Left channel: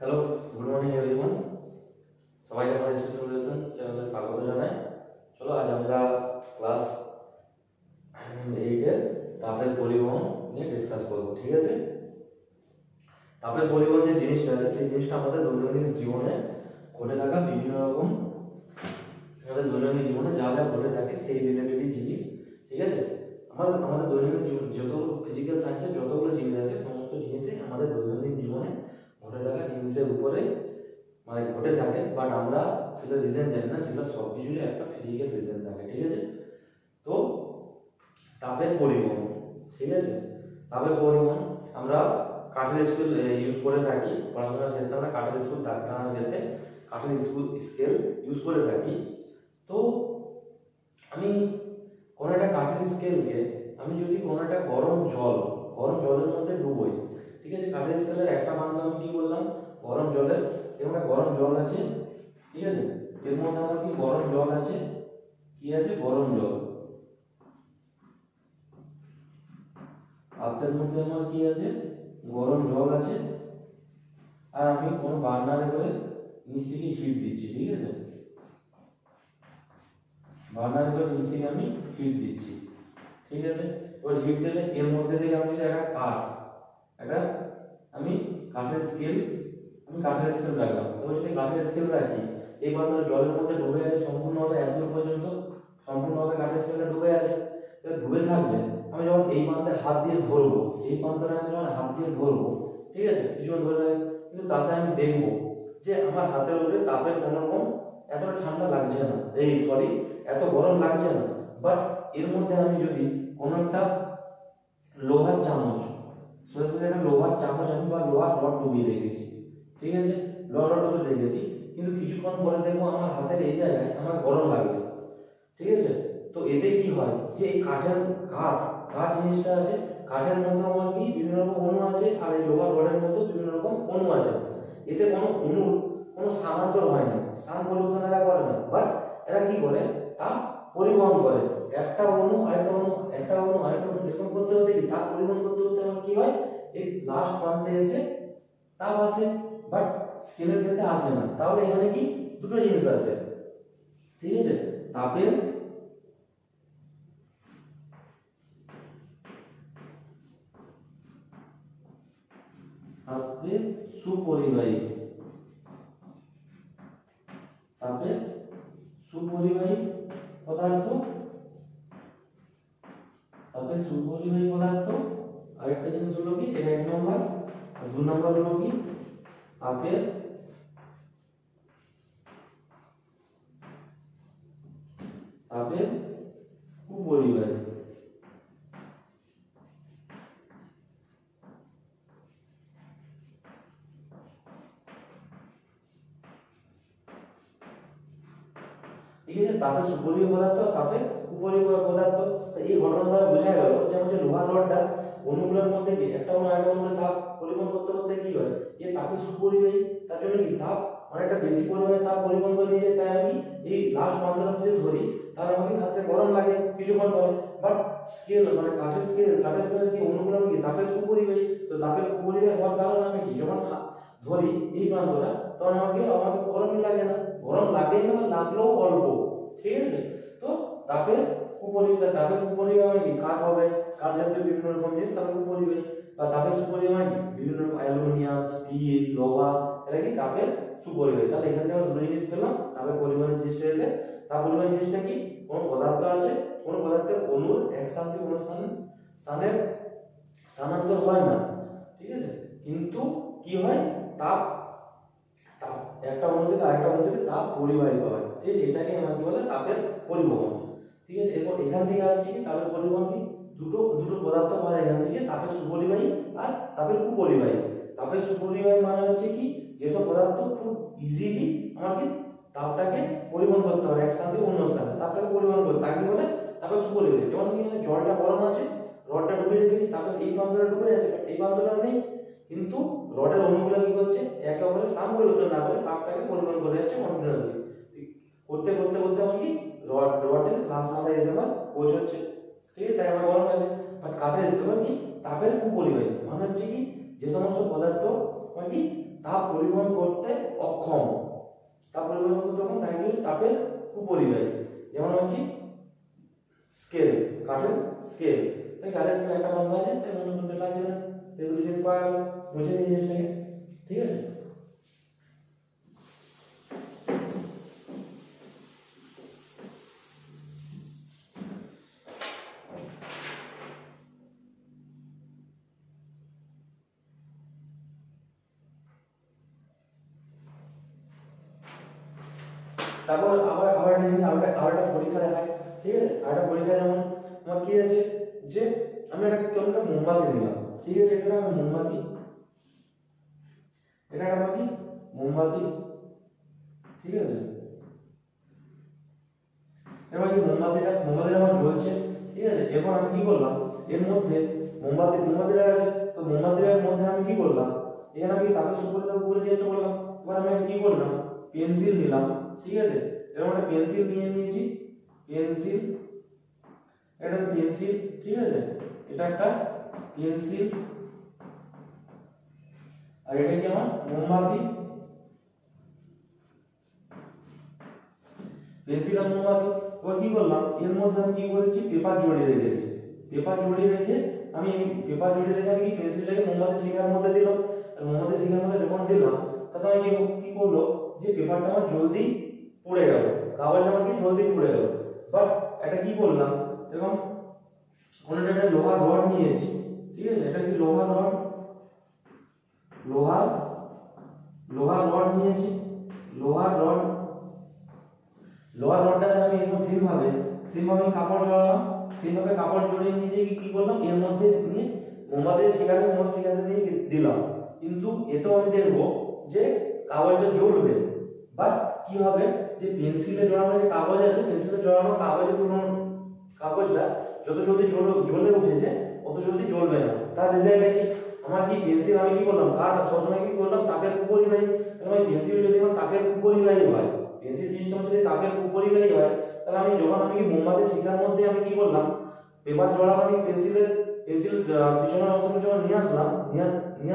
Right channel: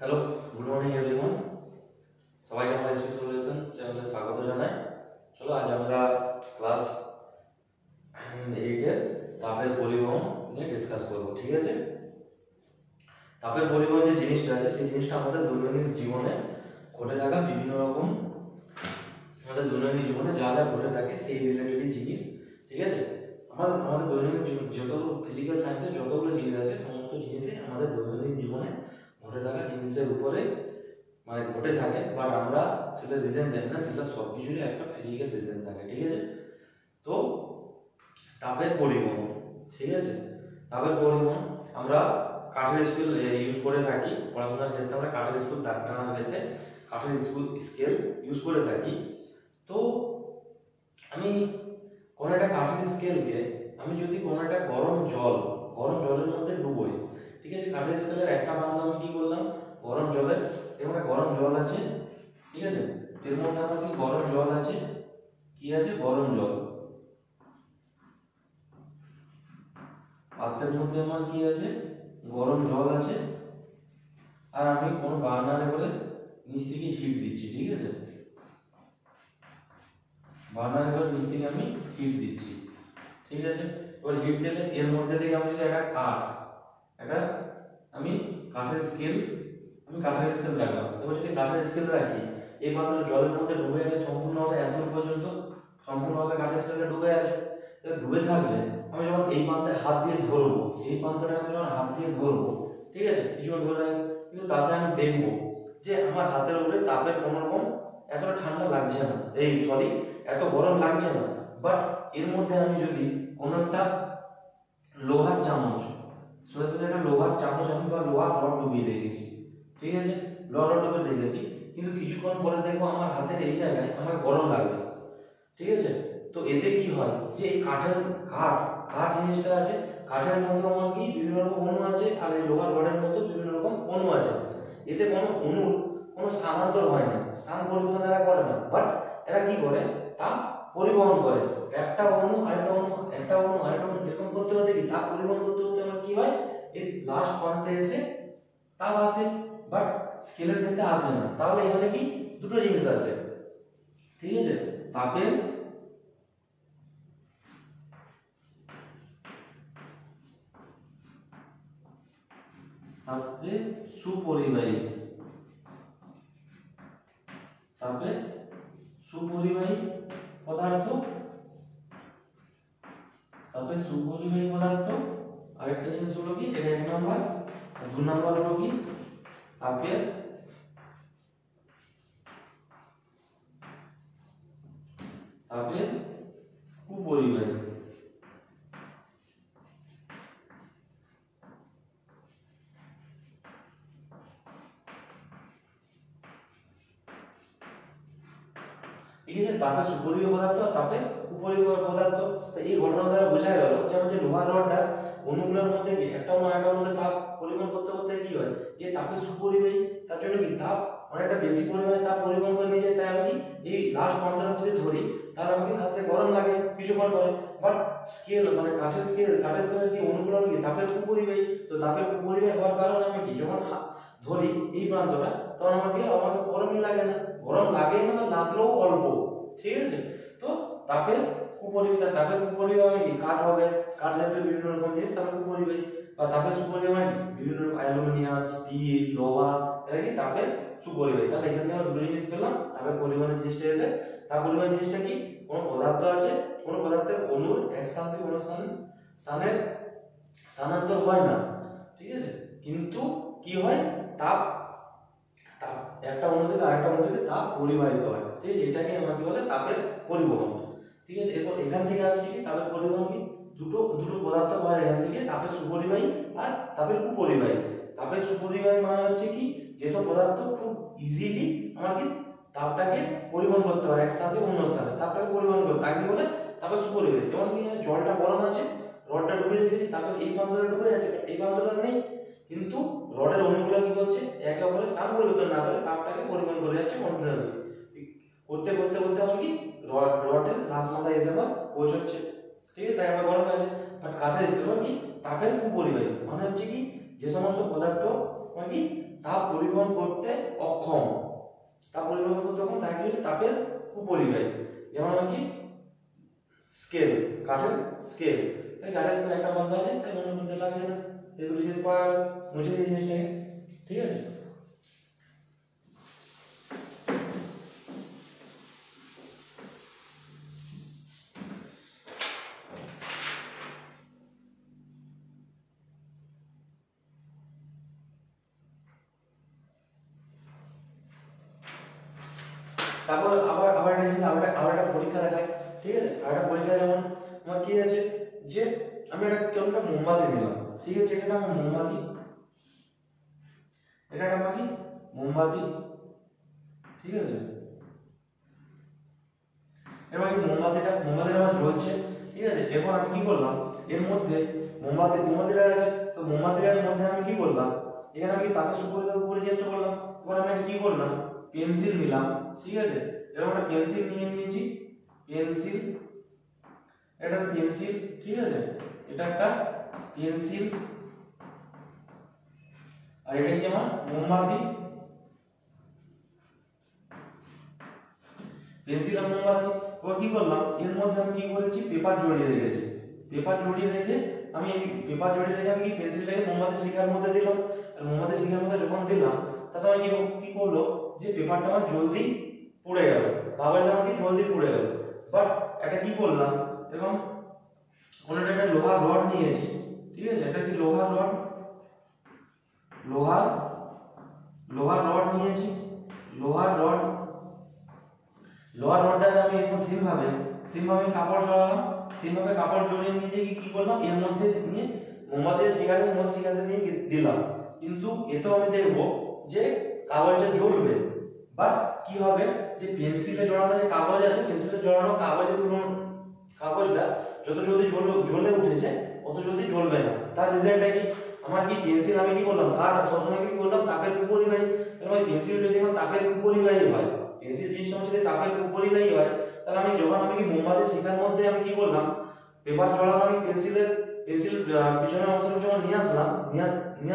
Hello, good morning everyone. সবাইকে আমার SP solution চ্যানেলে স্বাগত জানাই। চলো আজ আমরা ক্লাস 8 এর তাপের পরিবহন নিয়ে ডিসকাস করব। ঠিক আছে? তাপের পরিবহন যে জিনিসটা আছে সেই জিনিসটা আমাদের দৈনন্দিন জীবনে ঘটে থাকা বিভিন্ন রকম আমাদের দৈনন্দিন জীবনে যা যা ঘটে থাকে সেই রিলেটেড জিনিস। ঠিক আছে? আমাদের দৈনন্দিন জীবন যতগুলো ফিজিক্যাল সায়েন্সের যতগুলো জিনিস আছে সমস্ত জিনিসই আমাদের দৈনন্দিন জীবনে ঘটে থাকা জিনিসের উপরে মানে ঘটে থাকে, বাট আমরা সেটা রিজন জানি না, সেটা সব কিছুরই একটা ফিজিক্যাল রিজন থাকে। ঠিক আছে? তো তাপের পরিবহন, ঠিক আছে, তাপের পরিবহন আমরা কাঠের স্কেল ইউজ করে থাকি পড়াশোনার ক্ষেত্রে। আমরা কাঠের স্কেল দাগ টানার ক্ষেত্রে কাঠের স্কেল ইউজ করে থাকি। তো আমি কোনো একটা কাঠের স্কেলকে আমি যদি কোনো একটা গরম জলের মধ্যে ডুবোই, ঠিক আছে, কাঠের স্কেলের একটা প্রান্ত আমি কি করলাম, গরম জলের, এবং একটা গরম জল আছে, ঠিক আছে, এর মধ্যে আমার কি গরম জল আছে, কি আছে, গরম জল, পাত্রের মধ্যে আমার কি আছে, গরম জল আছে, আর আমি কোন বার্নারে করে নিচ থেকে হিট দিচ্ছি। ঠিক আছে, বার্নারে করে নিচ থেকে আমি হিট দিচ্ছি। ঠিক আছে, এবার হিট দিলে এর মধ্যে থেকে আমি যদি একটা আমি কাঠের স্কেল রাখলাম। এবার যদি কাঠের স্কেল রাখি, এই পাত্রটা জলের মধ্যে ডুবে আছে সম্পূর্ণভাবে, এতদূর পর্যন্ত সম্পূর্ণভাবে কাঠের স্কেলটা ডুবে আছে। এবার ডুবে থাকলে আমি যখন এই প্রান্তে হাত দিয়ে ধরবো, এই প্রান্তটা আমি যখন হাত দিয়ে ধরবো, ঠিক আছে, কিছুক্ষণ ধরে কিন্তু তাতে আমি দেখবো যে আমার হাতের উপরে তাপের কোনো রকম এতটা ঠান্ডা লাগছে না, এত গরম লাগছে না। বাট এর মধ্যে আমি যদি কোনো একটা লোহার চামচ, সোজাসুজি একটা লোহার চামচ আমি বা লোহার রড ডুবিয়ে রেখেছি, ঠিক আছে, লোহার রড ডুবিয়ে রেখেছি, কিন্তু কিছুক্ষণ পরে দেখবো আমার হাতের এই জায়গায় আমার গরম লাগবে। ঠিক আছে, তো এতে কি হয় যে এই কাঠ জিনিসটা আছে, কাঠের মধ্যে আমার কি বিভিন্ন রকম অণু আছে, আর এই লোহার রডের মধ্যে বিভিন্ন রকম অণু আছে। এতে কোনো স্থানান্তর হয় না, স্থান পরিবর্তন এরা করে না, বাট এরা কি করে, তাপ পরিবহন করে। একটা অণু আরেকটা অণু এরকম করতে করতে কি তাপ পরিবহন করতে করতে আমার কি হয়, এই লাস্ট প্রান্তে এসে তাপ আসে, বাট স্কেলের ক্ষেত্রে আসে না। তাহলে এখানে কি দুটো জিনিস আছে, ঠিক আছে, তাপের সুপরিবাহী, পদার্থ, আরেকটা জিনিস হলো কি, এটা 1 নম্বর, আর 2 নম্বর হলো কি তাপের কুপরিবাহী। ঠিক আছে, তাপের সুপরিবাহী পদার্থ, তাপের কুপরিবাহী পদার্থ। তো এই ঘটনা দ্বারা বোঝা গেল যে আমাদের লোহার রডটা অণুগুলোর মধ্যে কি একটা অণু তাপ পরিবহন করতে করতে কি হয়, এই তাপের সুপরিবাহী, তার জন্য কি তাপ অনেকটা বেশি পরিমাণে তাপ পরিবহন করে নিয়ে যায়। তাই আমি এই লাস্ট প্রান্তটা যদি ধরি তাহলে আমাকে হাতে গরম লাগে কিছুক্ষণ পরে। বাট স্কেল মানে কাঠের স্কেলের কি অণুগুলো কি তাপের কুপরিবাহী, তো তাপের কুপরিবাহী হওয়ার কারণে আমি কি যখন ধরি এই প্রান্তটা, তখন আমাকে গরমই লাগে না, গরম লাগেই না, লাগলেও অল্প। ঠিক আছে, তো তাপের কুপরিবাহী মানে কি কাঠ হবে, কাঠ জাতীয় বিভিন্ন রকম জিনিস তাপের কুপরিবাহী। বা তাপের সুপরিবাহী মানে বিভিন্ন রকম অ্যালুমিনিয়াম, স্টিল, লোহা, এটা কি তাপের সুপরিবাহী। তাহলে এখান থেকে আমরা দুটো জিনিস পেলাম, তাপের পরিবহনের জিনিসটা এসে। তাপ পরিবহন জিনিসটা কি, কোনো পদার্থ আছে, কোনো পদার্থের অণুর এক স্থান থেকে অন্য স্থানে স্থানান্তর হয় না, ঠিক আছে, কিন্তু কি হয়, তাপ একটা অণু থেকে আরেকটা অণুতে তাপ পরিবাহিত হয়। ঠিক আছে, এটাকে আমাকে বলে তাপের পরিবহন। ঠিক আছে, এরপর এখান থেকে আসছি তাপের পরিবহন কি, দুটো পদার্থ পাওয়া যায় এখান থেকে, তাপের সুপরিবাহী আর তাপের কুপরিবাহী। তাপের সুপরিবাহী মানে হচ্ছে কি, যেসব পদার্থ খুব ইজিলি আমাকে তাপটাকে পরিবহন করতে পারে এক স্থান থেকে অন্য স্থানে, তাপটাকে পরিবহন করতে, তাকে বলে তাপের সুপরিবাহী। যেমন কি জলটা গরম আছে, রডটা ডুবে রেখেছি, তাপের এই প্রান্তটা ডুবে আছে, এই প্রান্তটা নেই, কিন্তু রডের অণুগুলো কি করছে, একে অপরের স্থান পরিবর্তন না করে তাপটাকে পরিবহন করে যাচ্ছে কন্টিনিউয়াসলি। করতে করতে করতে আমার কি রডের লাস্ট মাথায় এসে আবার পৌঁছচ্ছে। ঠিক আছে, তাই আবার গরম হয়েছে। বাট কাঠের স্কেল কি তাপের কুপরিবাহী মানে হচ্ছে কি, যে সমস্ত পদার্থ পদার্থ মানে কি তাপ পরিবহন করতে অক্ষম, তাপ পরিবহন করতে অক্ষম, তাকে বলে তাপের কুপরিবাহী। যেমন মানে কি স্কেল, কাঠের স্কেল, তাই কাঠের স্কেল একটা বন্ধ আছে, তাই মনে করতে লাগছে না, এই দুটো জিনিস পাওয়া গেল, মুছে দিই জিনিসটাকে। ঠিক আছে, তারপর আবার আবার একটা পরীক্ষা দেখায়। ঠিক আছে, আরেকটা পরীক্ষা যেমন আমার কি আছে যে আমি কেমন একটা মোমবাতি দিলাম। ঠিক আছে, এটা আমার মোমবাতি, এটা আমার কি মোমবাতি। ঠিক আছে, এবার কি মোমবাতিটা আমার জ্বলছে। ঠিক আছে, এখন আমি কি করলাম, এর মধ্যে মোমবাতিটা আছে, তো মোমবাতিটার মধ্যে আমি কি করলাম, এখানে আমি তাপের সুপরিবাহ করে চেষ্টা করলাম। এবার আমি কি করলাম, পেন্সিল নিলাম। ঠিক আছে, এরকম একটা পেন্সিল নিয়েছি, পেন্সিল, এটা পেন্সিল। ঠিক আছে, এটা একটা পেন্সিল, আর এটা কি আমার মোমবাতি। পেন্সিল আর মোমবাতি। এবার কি করলাম, এর মধ্যে আমি কি করেছি, পেপার জড়িয়ে রেখেছি। পেপার জড়িয়ে রেখে আমি পেন্সিলটাকে মোমবাতি শিখার মধ্যে দিলাম। আর মোমবাতি শিখার মধ্যে যখন দিলাম, তাতে আমি কি করলো, যে পেপারটা আমার জলদি পুড়ে গেল, কাগজ আমার কি জলদি পুড়ে গেল। বাট এটা কি করলাম, এবং কোনো একটা লোহার রড নিয়েছি। ঠিক আছে, এটা কি লোহার রড, লোহার রড নিয়েছি, লোহার রডটাতে আমি একদম সিমভাবে কাপড় জড়ালাম। সিমভাবে কাপড় জড়িয়ে নিয়ে যে কি করলাম, এর মধ্যে নিয়ে মোমবাতি শিখাতে নিয়ে দিলাম। কিন্তু এতেও আমি দেখবো যে কাগজটা জ্বলবে। বাট কি হবে, যে পেন্সিলে জড়ানো যে কাগজ আছে, পেন্সিলে জড়ানো কাগজটা যত জলদি জ্বলে উঠেছে অত জলদি জ্বলবে না। তার রেজাল্টটা কি, আমার কি পেন্সিল আমি কি করলাম, কাঠ সবসময় কি করলাম, তাপের কুপরিবাহী। তাহলে পেন্সিল যদি আমার তাপের কুপরিবাহী হয়, পেন্সিল জিনিসটা যদি তাপের কুপরিবাহী হয়, তাহলে আমি যখন কি মোমবাতি শিখার মধ্যে আমি কি করলাম, পেপার জড়ানো আমি পেন্সিল পিছনের অংশটা যখন নিয়ে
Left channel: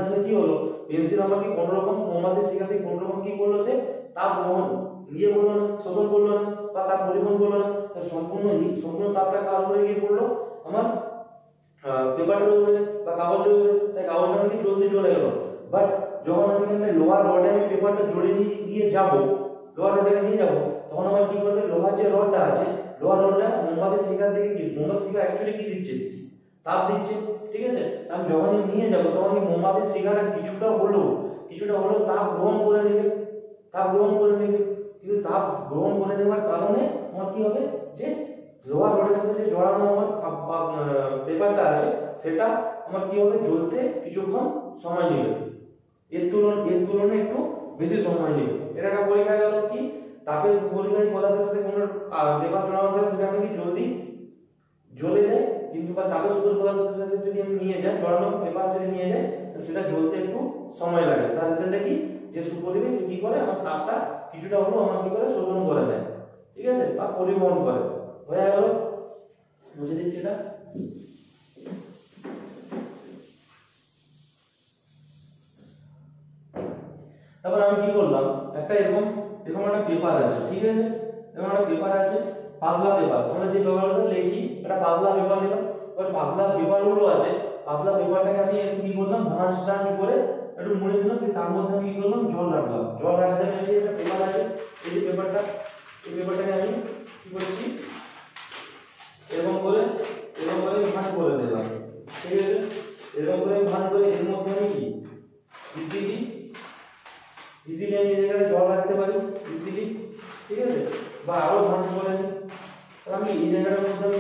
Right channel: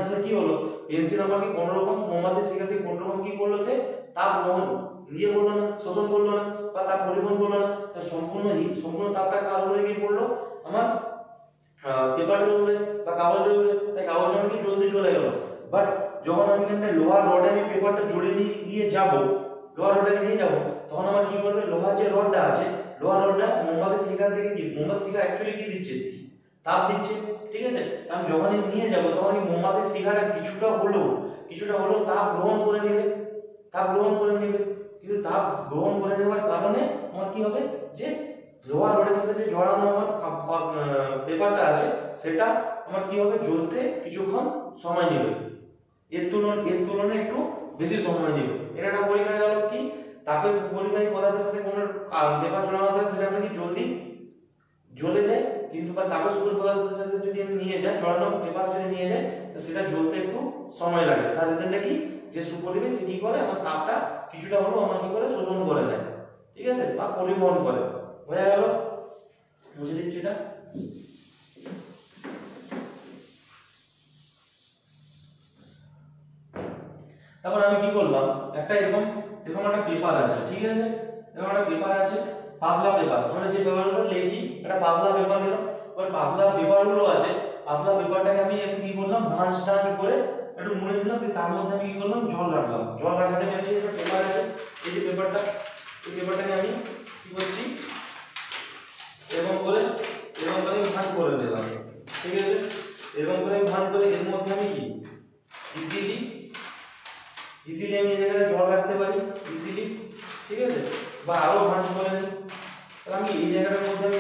আসলে কি হলো, পেন্সিল আমার কি কোনো রকম মোমবাতি শিখাতে কোনো রকম কি করলো, সে তাপ ইয়ে করলো না, শোষণ করলো না, বা তাপ পরিবহন করলো না। সম্পূর্ণ তাপটা কার উপরে গিয়ে পড়লো, আমার পেপারের উপরে বা কাগজের উপরে, তাই কাগজটা আমাকে জলদি জ্বলে গেল। বাট যখন আমি এখানে লোহার রডে আমি পেপারটা জড়িয়ে নিয়ে যাবো, লোহার রডটাকে নিয়ে যাবো, তখন আমার কি করবে, লোহার যে রডটা আছে, লোহার রডটা মোমবাতি শিখা থেকে কি, মোমবাতি শিখা অ্যাকচুয়ালি কি দিচ্ছে, তাপ দিচ্ছে। ঠিক আছে, আমি যখনই নিয়ে যাবো তখন কি মোমবাতি শিখাটা কিছুটা হলেও তাপ গ্রহণ করে নেবে, কিন্তু তাপ গ্রহণ করে নেওয়ার কারণে আমার কি হবে, যে লোহার রডের সাথে যে জড়ানো আমার পেপারটা আছে, সেটা আমার কি হবে, জ্বলতে কিছুক্ষণ সময় নেবে, এর তুলনায় একটু বেশি সময় নেবে। এটা একটা পরীক্ষা গেল কি, তাপের পরিবাহী পদার্থের সাথে কোনো পেপার জড়ানো থাকে, সেটা আমি কি জলদি জ্বলে যায়। কিন্তু বা তাপের সুপরিবাহী পদার্থের সাথে যদি আমি নিয়ে যাই, জড়ানো পেপার যদি নিয়ে যাই, তো সেটা জ্বলতে একটু সময় লাগে। তার রিজনটা কি, যে সুপরিবাহী সে কি করে, আমার তাপটা কিছুটা হলেও আমার কি করে, শোষণ করে নেয়। ঠিক আছে, বা পরিবহন করে। হয়ে গেল, বুঝে দিচ্ছি এটা। তারপর আমি কি করলাম, এরকম একটা পেপার আছে। ঠিক আছে, এরকম একটা পেপার আছে, পাতলা পেপার, আমরা যে পেপারগুলো লিখি, এটা পাতলা পেপার নিলাম। এবার পাতলা পেপারগুলো আছে, পাতলা পেপারটাকে আমি একটু কি করলাম, ভাঁজ করে একটু মুড়ে দিলাম, তার মধ্যে আমি কি করলাম, জল রাখলাম। জল রাখতে গেলে একটা পেপার আছে, এই যে পেপারটাকে আমি কি করছি, এরকম করে ভাঁজ করে দিলাম। ঠিক আছে, এরকম করে ভাঁজ করে এর মধ্যে আমি কি ইজিলি আমি এই জায়গায় জল রাখতে পারি, ইজিলি। ঠিক আছে, বা আরো ভাঁজ করে নিই, আমি এই জায়গাটার মধ্যে আমি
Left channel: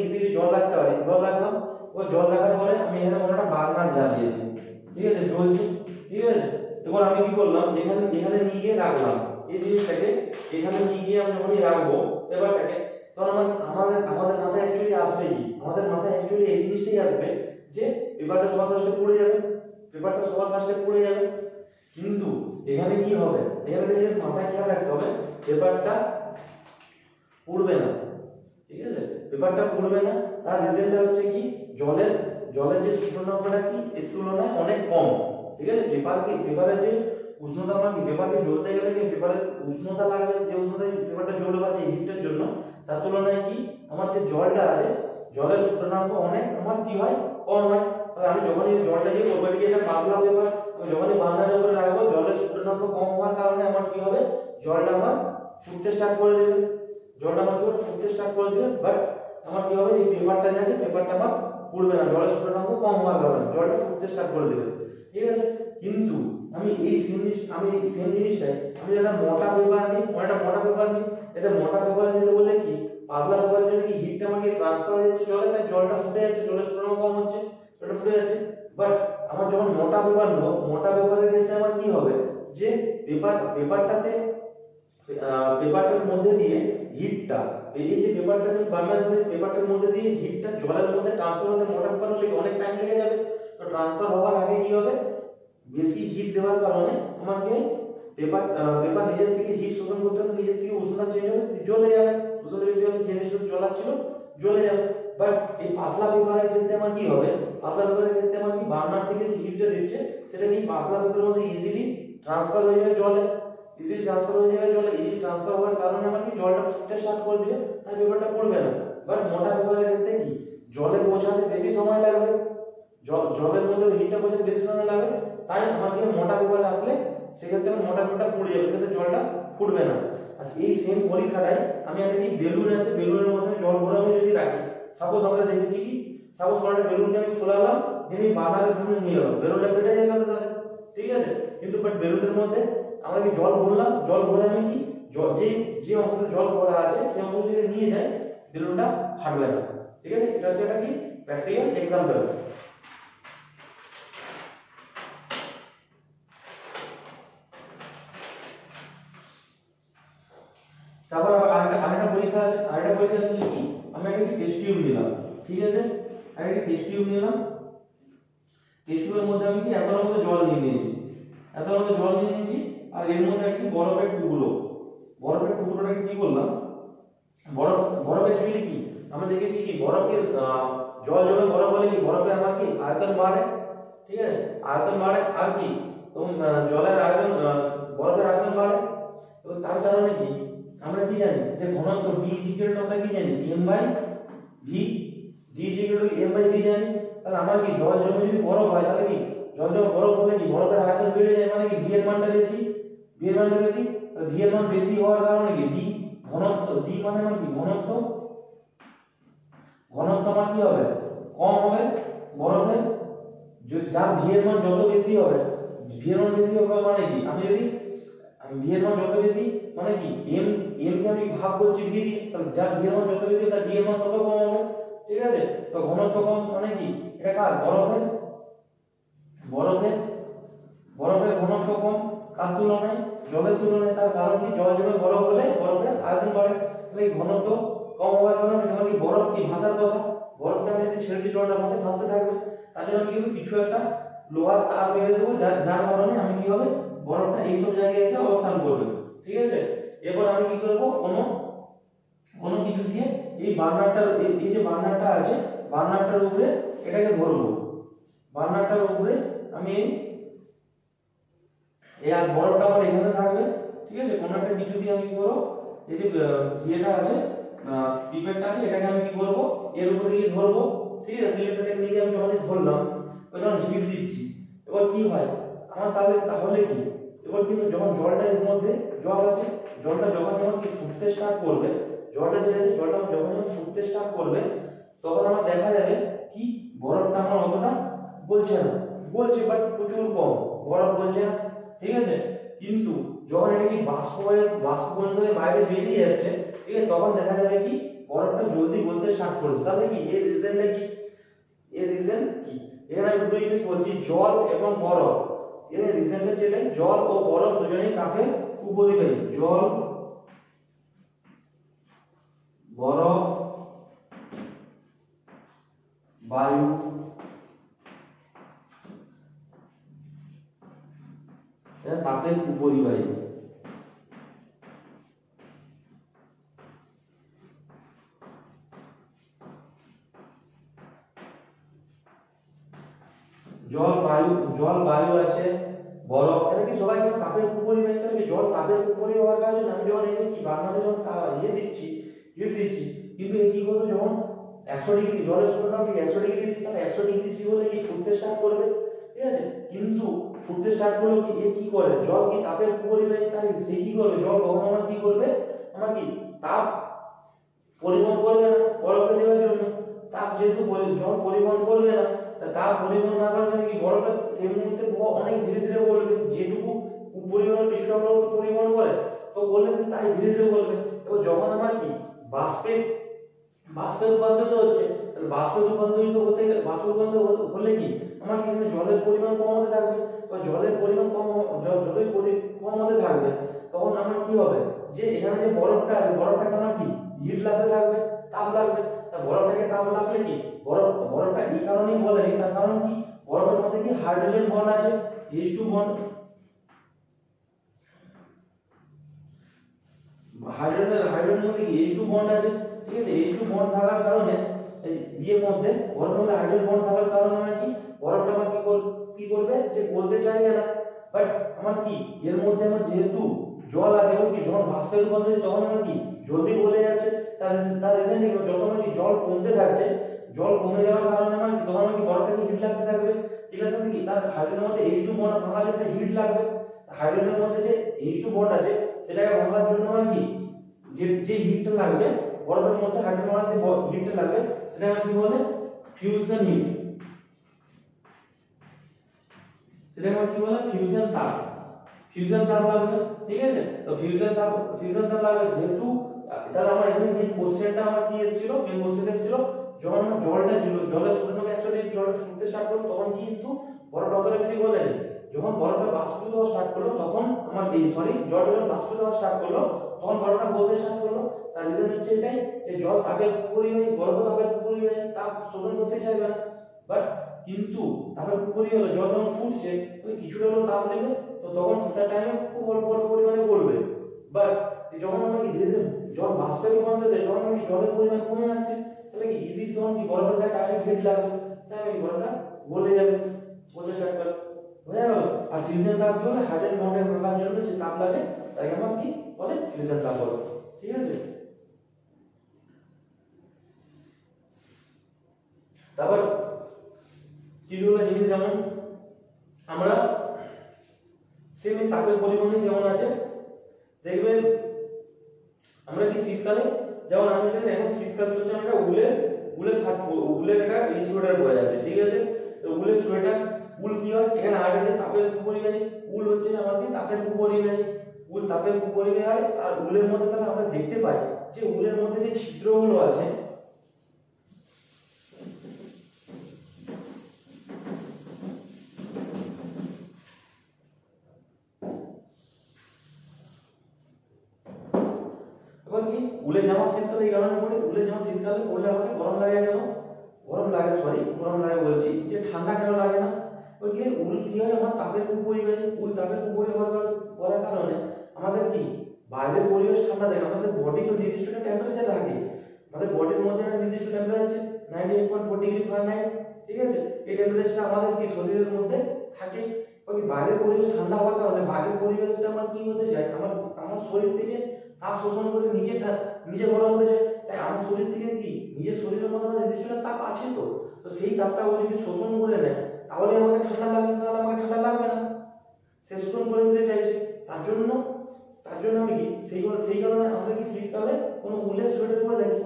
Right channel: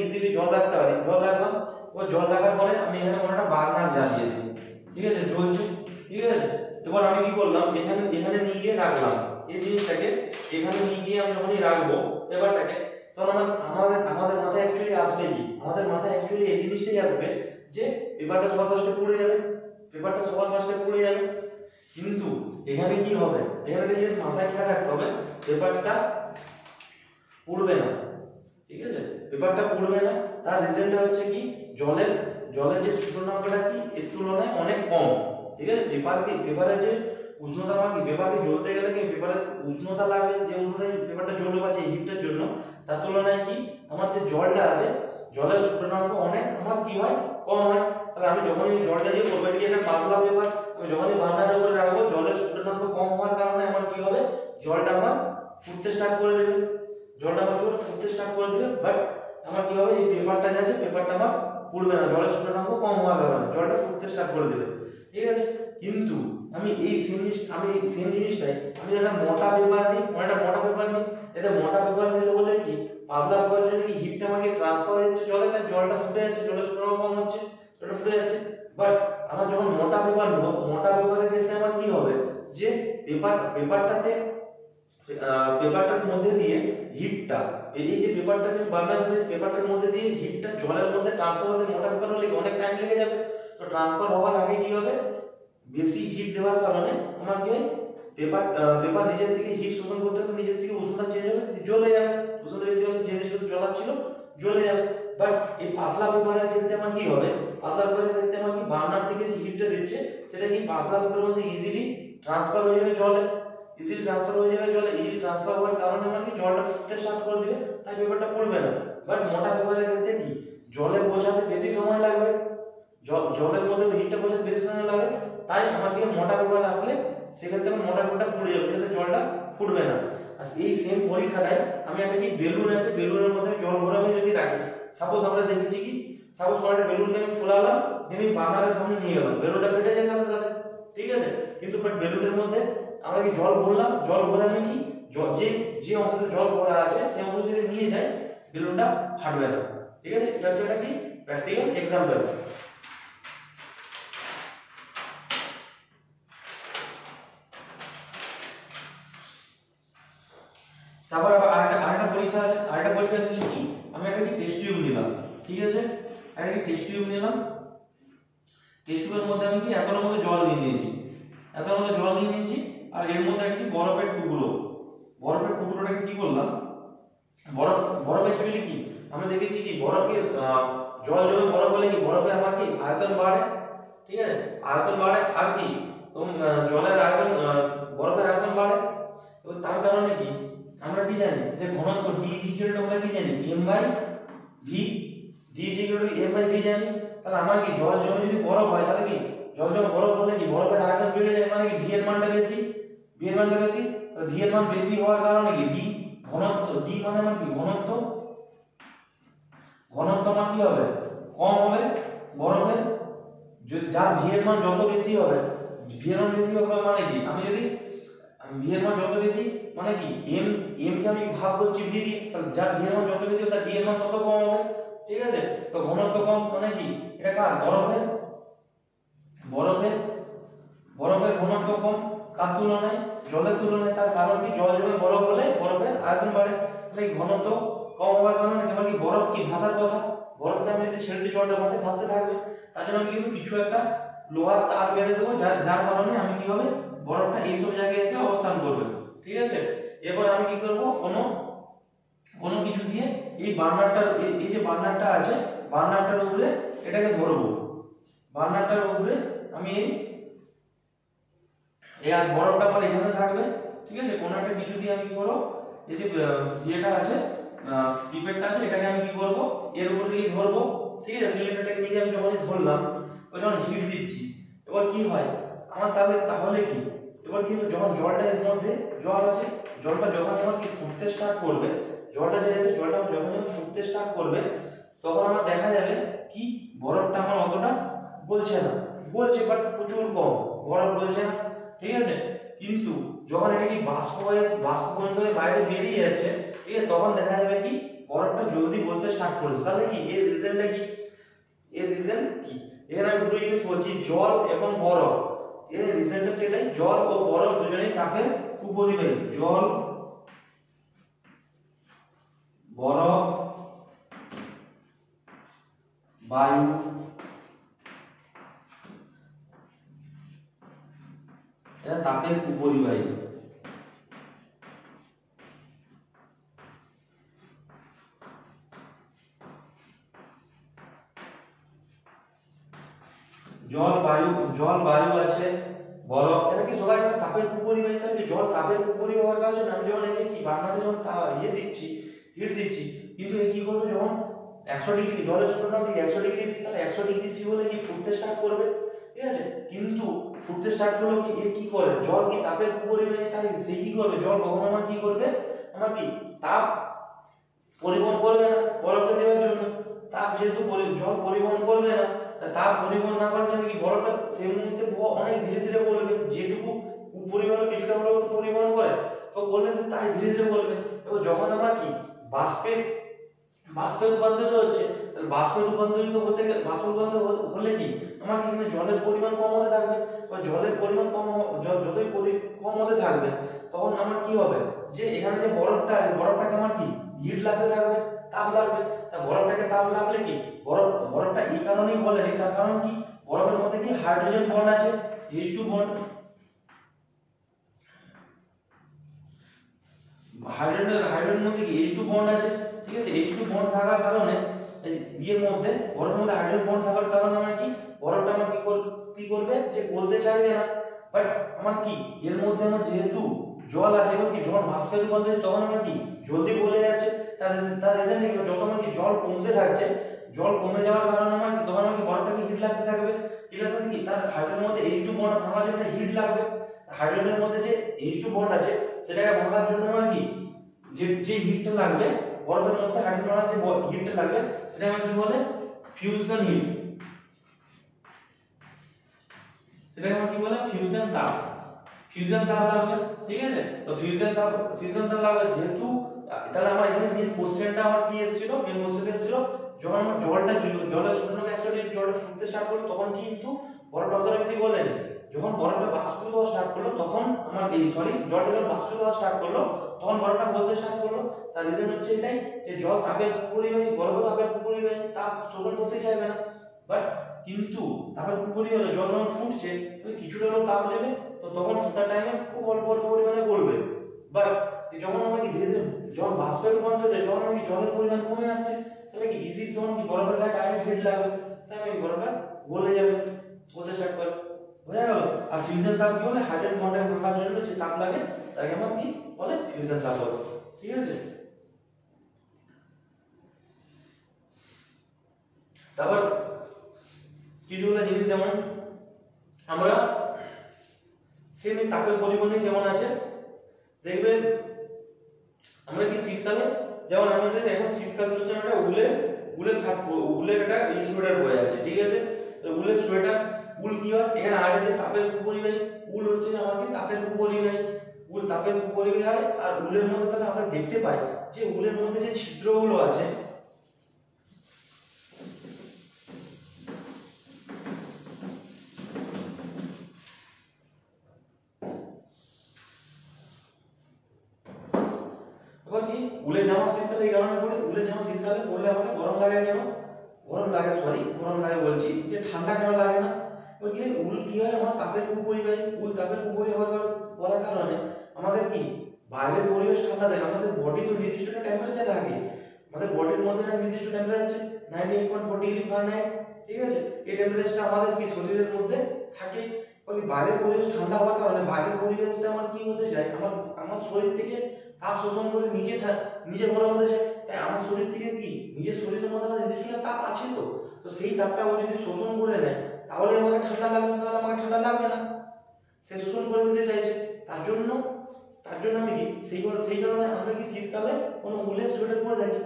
ইজিলি জল রাখতে পারি, জল রাখলাম। এবার জল রাখার পরে আমি এখানে কোনো একটা বার্নার জ্বালিয়েছি। ঠিক আছে, জ্বলছে। ঠিক আছে, এবার আমি কি করলাম, এখানে নিয়ে গিয়ে রাখলাম এই জিনিসটাকে, এখানে নিয়ে গিয়ে আমি যখনই রাখবো পেপারটাকে, তখন আমাদের মাথায় অ্যাকচুয়ালি আসবে কি, আমাদের মাথায় অ্যাকচুয়ালি এই জিনিসটাই আসবে যে পেপারটা সবার ফার্স্টে পুড়ে যাবে, কিন্তু এখানে কি হবে, এখানে একটা জিনিস মাথায় খেয়াল রাখতে হবে, পেপারটা পুড়বে না। ঠিক আছে, পেপারটা পুড়বে না, তার রিজনটা হচ্ছে কি, জলের যে সূচনাঙ্কটা কি এর তুলনায় অনেক কম। ঠিক আছে, পেপারের যে উষ্ণতা কি পেপারকে জ্বলতে গেলে কি পেপারের উষ্ণতা লাগবে, যে উষ্ণতায় পেপারটা জ্বলবে বা যে হিটের জন্য, তার তুলনায় কি আমার যে জলটা আছে জলের সূচনাঙ্ক অনেক আমার কি হয় কম হয়। তাহলে আমি যখনই জলটা দিয়ে করবো এটাকে একটা পাতলা পেপার, আমি যখনই বার্নারের উপরে রাখবো জলের সূচনাঙ্ক কম হওয়ার কারণে আমার কি হবে জলটা আমার ফুটতে স্টার্ট করে দেবে, জলটা আমার কি হবে ফুটতে স্টার্ট করে দেবে। বাট আমার কি হবে এই পেপারটা যে আছে পেপারটা আমার পুড়বে না, জলের সূচনাঙ্ক কম হওয়ার কারণে জলটা ফুটতে স্টার্ট করে দেবে। ঠিক আছে, কিন্তু আমি সেম জিনিসটাই আমি একটা মোটা পেপার নিই, এটা মোটা পেপার নিলে বলে কি পাতলা পেপারের জন্য হিটটা আমাকে ট্রান্সফার হয়ে যাচ্ছে জলে, তাই জলটা ফুটে যাচ্ছে, জলের সূচনাঙ্ক কম হচ্ছে, জলটা ফুটে যাচ্ছে। বাট আমার যখন মোটা পেপার নেব, মোটা পেপারের ক্ষেত্রে আমার কি হবে যে পেপারটার মধ্যে দিয়ে হিটটা এই যে পেপারটা যে বার্নার হবে পেপারটার মধ্যে দিয়ে হিটটা জলের মধ্যে ট্রান্সফার হতে মোটা পেপার হলে অনেক টাইম লেগে যাবে। তো ট্রান্সফার হওয়ার আগে কি হবে বেশি হিট দেওয়ার কারণে আমার কি পেপার নিজের থেকে হিট শোষণ করতে করতে নিজের থেকে উষ্ণতা চেঞ্জ হবে, জ্বলে যাবে, উষ্ণতা বেশি হলে যে জিনিস জ্বলা ছিল জ্বলে যাবে। বাট এই পাতলা পেপারের ক্ষেত্রে আমার কি হবে, পাতলা পেপারের ক্ষেত্রে আমার কি বার্নার থেকে যে হিটটা দিচ্ছে সেটা কি পাতলা পেপারের মধ্যে ইজিলি ট্রান্সফার হয়ে যাবে জলে, ইজিলি ট্রান্সফার হওয়ার কারণে আমার কি জলটা ফুটতে স্টার্ট করে দিবে, তাই পেপারটা পড়বে না। বাট মোটা পেপারের ক্ষেত্রে কি জলে পৌঁছাতে বেশি সময় লাগবে, জলের মধ্যে হিটটা পৌঁছাতে বেশি সময় লাগে, তাই আমাকে মোটা পেপার রাখলে সেক্ষেত্রে মোটা পেপারটা পুড়ে যাবে, সেক্ষেত্রে জলটা ফুটবে না। আর এই সেম পরীক্ষাটাই আমি একটা কি বেলুন আছে, বেলুনের মধ্যে জল ভরে যদি রাখি, সাপোজ আমরা দেখেছি কি সাপোজ কোনো একটা বেলুনকে আমি ফুলালাম, আমি বার্নারের সামনে নিয়ে গেলাম, বেলুনটা ফেটে যায় সাথে সাথে, ঠিক আছে, কিন্তু বেলুনের মধ্যে আমরা কি জল ভরলাম, জল ভরে আমি কি যে অংশতে জল ভরা আছে সেই অংশ যদি নিয়ে যায় বেলুনটা ফাটবে না। ঠিক আছে, এটা হচ্ছে একটা কি প্র্যাকটিক্যাল এক্সাম্পল। তারপর আরেকটা পরীক্ষা আছে, আরেকটা পরীক্ষা দিলে কি আমি একটা টেস্ট টিউব নিলাম, ঠিক আছে, একটা টেস্ট টিউব নিলাম, টেস্ট টিউবের মধ্যে আমি কি এতটার মধ্যে জল নিয়ে নিয়েছি, আর এর মধ্যে একটা বরফের টুকরোটাকে কি করলাম, বরফ অ্যাকচুয়ালি কি আমরা দেখেছি কি বরফের জল জমে বরফ হলে কি বরফের আমার কি আয়তন বাড়ে, ঠিক আছে, আয়তন বাড়ে আর কি জলের আয়তন বরফের আয়তন বাড়ে। এবং তার কারণে কি আমরা কি জানি যে ঘনত্ব d আমরা কি জানি m/v, d m/v জানি। তাহলে আমার কি জল জমে যদি বরফ হয় তাহলে কি জল জমে বরফ হলে কি বরফের আয়তন বেড়ে যায়, মানে কি v এর মানটা বেশি, তাহলে v এর মান বেশি হওয়ার কারণে কি d ঘনত্ব, d মানে আমার কি ঘনত্ব আমার কি হবে কম হবে বরফের, যার v এর মান যত বেশি হবে, মানে কি আমি যদি v এর মান যত বেশি মানে কি m কে আমি ভাগ করছি v দিয়ে, তাহলে যার v এর মান যত বেশি তার d এর মান তত কম হবে। ঠিক আছে, তো ঘনত্ব কম মানে কি এটা কার বরফের ঘনত্ব কম, কার তুলনায় জলের তুলনায়। তার কারণ কি জল জমে বরফ হলে বরফের আয়তন বাড়ে, তাহলে ঘনত্ব কম হওয়ার কারণে যেমন কি বরফ কি ভাসার কথা, বরফকে আমি যদি ছেড়ে দিই জলটা মধ্যে ভাসতে থাকবে, তার জন্য আমি কিন্তু কিছু একটা লোহার তার বেঁধে দেবো, যার কারণে আমি কি হবে বরফটা এইসব জায়গায় এসে অবস্থান করবে। ঠিক আছে, এরপর আমি কি করব কোনো কিছু দিয়ে এই বার্নারটার এই যে বার্নারটা আছে বার্নারটার উপরে এটাকে ধরবো, বার্নারটার উপরে আমি এই আর বরফটা আমার এখানে থাকবে। ঠিক আছে, কোনো একটা কিছু দিয়ে আমি কি করব এই যে ইয়েটা আছে পিপেটটা আছে এটাকে আমি কি করব এর উপর দিয়ে ধরবো। ঠিক আছে, সিলিন্ডারটাকে নিয়ে আমি যখন ধরলাম ওই যখন হিট দিচ্ছি, এবার কি হয় আমার তাহলে কি এবার কিন্তু যখন জলটা এর মধ্যে জল আছে, জলটা যখন কি ফুটতে স্টার্ট করবে, জলটা যখন ফুটতে স্টার্ট করবে তখন আমার দেখা যাবে কি বরফটা আমার অতটা গলছে না, গলছে বাট প্রচুর কম, বরফ গলছে না। ঠিক আছে, কিন্তু যখন এটা কি বাষ্প হয়ে বাইরে বেরিয়ে যাচ্ছে, ঠিক আছে, তখন দেখা যাবে কি বরফটা জলদি গলতে স্টার্ট করেছে। তাহলে কি এর রিজনটা কি, এর আমি দুটো জিনিস বলছি জল এবং বরফ, এর রিজনটা যেটাই জল ও বরফ দুজনেই তাপের উপরিবাহী, জল বরফ বায়ু এরা তাপের উপরিবাহী। জল বায়ু আছে, বরফ, এটা কি সবাই তাপের কুপরিবাহী। তাহলে কি জল তাপের কুপরিবাহী হওয়ার কারণে আমি যখন একে কি বাংলাদেশে যখন দিচ্ছি, হিট দিচ্ছি, কিন্তু এ কি করবে যখন 100 ডিগ্রি জলের স্ফুটনাঙ্ক ঠিক 100 ডিগ্রি সি, তাহলে 100 ডিগ্রি সি হলে কি ফুটতে স্টার্ট করবে, ঠিক আছে। কিন্তু ফুটতে স্টার্ট করলে কি এ কি করে, জল কি তাপের কুপরিবাহী, তাই সে কি করবে, জল কখনো আমার কি করবে, আমার কি তাপ পরিবহন করবে না বরফকে দেওয়ার জন্য। তাপ যেহেতু জল পরিবহন করবে না, তাপ পরিবহন না করার জন্য কি বরফটা সেই মুহূর্তে অনেক ধীরে ধীরে গলবে। যেটুকু পরিবহন কিছুটা হলেও তো পরিবহন করে, তো বললে তাই ধীরে ধীরে গলবে। এবার যখন আমার কি বাষ্পে রূপান্তরিত হচ্ছে, তাহলে বাষ্পে রূপান্তরিত হতে গেলে হলে কি আমার কি এখানে জলের পরিমাণ কম হতে থাকবে। বা জলের পরিমাণ যতই কম হতে থাকবে, তখন আমার কি হবে, যে এখানে যে বরফটা আছে, বরফটাকে আমার কি হিট লাগতে থাকবে, তাপ লাগবে। তা বরফটাকে তাপ লাগলে কি বরফটা এই কারণেই বলে, তার কারণ কি বরফের মধ্যে কি হাইড্রোজেন বন্ড আছে, H2 বন্ড, হাইড্রোজেন মধ্যে কি H2 বন্ড আছে, ঠিক আছে। H2 বন্ড থাকার কারণে ইয়ের মধ্যে বরফের মধ্যে হাইড্রোজেন বন্ড থাকার কারণে আমার কি বরফটা আমার কি করবে, যে গলতে চাইবে না। বাট আমার কি এর মধ্যে আমার যেহেতু জল আছে, এবং কি যখন বাষ্পে রূপান্তরিত তখন আমার কি জলদি গলে যাচ্ছে। তার রিজন কি, যত আমার কি জল কমতে থাকছে, জল কমে যাওয়ার কারণে আমার কি তখন আমার কি বরফটাকে হিট লাগতে থাকবে। হিট লাগতে কি তার হাইড্রোজেনের মধ্যে H2 বন্ড ভাঙার জন্য হিট লাগবে। হাইড্রোজেনের মধ্যে যে H2 বন্ড আছে সেটাকে ভাঙার জন্য আমার কি যে হিটটা লাগবে, বরফের মধ্যে হাইড্রোজেনের যে হিটটা লাগবে, সেটাকে আমরা কি বলে ফিউশন হিট, সেটাকে আমরা কি বলে ফিউশন তাপ লাগবে, ঠিক আছে। তো ফিউশন তাপ লাগবে যেহেতু, তাহলে আমার এখানে মেইন কোশ্চেনটা আমার কি এসেছিল, যখন আমার জলের স্ফুটনাঙ্ক 100 ডিগ্রি জলটা ফুটতে স্টার্ট করলো, তখন কিন্তু বরফটা অতটা বেশি গলেনি। যখন বরফটা বাষ্পীভূত হওয়া স্টার্ট করলো, তখন আমার জলটা যখন বাষ্পীভূত হওয়া স্টার্ট করলো, তখন বরফটা গলতে স্টার্ট করলো। তার রিজন হচ্ছে এটাই, যে জল তাপের কুপরিবাহী, বরফ তাপের কুপরিবাহী, তাপ শোষণ করতে চাইবে না। বাট কিন্তু তাপের কুপরিবাহী হলে জল যখন ফুটছে, তাহলে কিছুটা হলেও তাপ নেবে, তো তখন ফুটার টাইমে খুব অল্প পরিমাণে গলবে। বাট যখন আমরা কি ধীরে ধীরে যখন বাষ্পে রূপান্তরিত হয়, যখন কি জলের পরিমাণ কমে আসছে, তাহলে কি ইজি তখন কি বরফের গায়ে ডাইরেক্ট হিট লাগবে, তাহলে কি বরফটা গলে যাবে, গলতে স্টার্ট করে, বুঝা গেল। আর ফিউশন তাপ কি বলে, হাইড্রোজেন বন্ডের ভাঙার জন্য যে তাপ লাগে তাকে আমরা কি বলে ফিউশন তাপ বলে, ঠিক আছে। তারপর কিছুগুলো জিনিস যেমন আমরা সেম তাপের পরিমাণে যেমন আছে, দেখবে আমরা কি শীতকালে, যেমন আমরা যদি এখন শীতকাল চলছে, আমরা উলের একটা সোয়েটার পরে আছে, ঠিক আছে। উলের সোয়েটার, উল কি হয়, এখানে আর যে তাপের কুপরিবাহী, উল হচ্ছে আমার কি তাপের কুপরিবাহী, উল তাপের কুপরিবাহী হয়। আর উলের মধ্যে তাহলে আমরা দেখতে পাই যে উলের মধ্যে যে ছিদ্রগুলো আছে, কি উলের জামা শীতকালে এই কারণে পরে, উলের জামা শীতকালে পরলে আমাদের গরম লাগে কেন, গরম লাগে বলছি, যে ঠান্ডা কেন লাগে না। ওই যে উল কি হয়, আমার তাপের কুপরিবাহী, উল তাপের কুপরিবাহী হওয়ার কারণে আমাদের কি বাইরের পরিবেশ ঠান্ডা থাকে, আমাদের বডি তো নির্দিষ্ট একটা টেম্পারেচার থাকে, আমাদের বডির মধ্যে একটা নির্দিষ্ট টেম্পারেচার 98.4 ডিগ্রি ফারেনহাইট, ঠিক আছে। এই টেম্পারেচারটা আমাদের কি শরীরের মধ্যে থাকে। ওই বাইরের পরিবেশ ঠান্ডা হওয়ার কারণে বাইরের পরিবেশটা আমার কি হতে যায়, আমার শরীর থেকে তাপ শোষণ করে নিজে গরম হতে যায়। তাই আমার শরীর থেকে কি নিজের শরীরের মধ্যে আমার নির্দিষ্ট তাপ আছে, তো সেই তাপটা ও যদি শোষণ করে নেয়, তাহলে আমাকে ঠান্ডা লাগবে, তাহলে আমাকে ঠান্ডা লাগবে না, সে শোষণ করে নিতে চাইছে। তার জন্য আমি কি সেই কারণে আমরা কি শীতকালে কোনো উলের সোয়েটার পরে থাকি।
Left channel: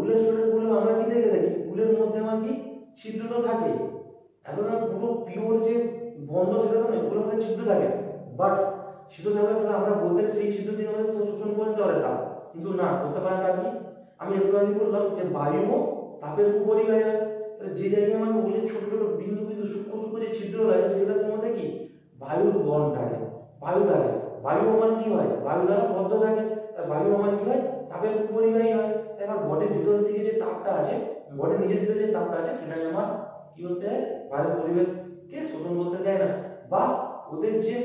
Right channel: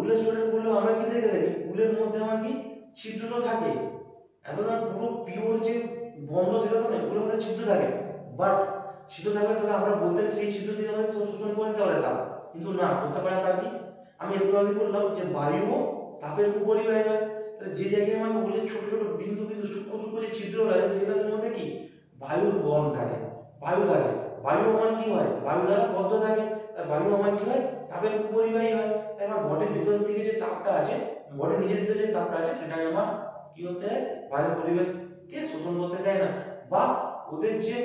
উলের সোয়েটার পরলে আমরা কি দেখে থাকি, উলের মধ্যে আমার কি ছিদ্র থাকে, এত না পুরো পিওর যে বন্ধ সেটা তো নয়, উলের মধ্যে ছিদ্র থাকে। বাট ছিদ্র থাকলে তাহলে আমরা বলতে সেই ছিদ্র দিয়ে আমাদের শোষণ করে দিতে পারে তাপ, কিন্তু না করতে পারে না। কি আমি একটু আগে বললাম যে বায়ুও তাপের কুপরিবাহী হয়। যে জায়গায় আমার উলের ছোট ছোট বিন্দু সূক্ষ্ম যে ছিদ্র রয়েছে, সেগুলোর মধ্যে কি বায়ুর বন্ড থাকে, বায়ু আমার কি হয়, বায়ু দ্বারা বদ্ধ থাকে। আর বায়ু আমার কি হয়, তাপের কুপরিবাহী হয়। তাই আমার বডির ভিতর থেকে যে তাপটা আছে, বডির নিজের ভিতরে যে তাপটা আছে, সেটাকে আমার কি হতে হয়, বাইরের পরিবেশকে শোষণ করতে দেয় না, বা ওদের যে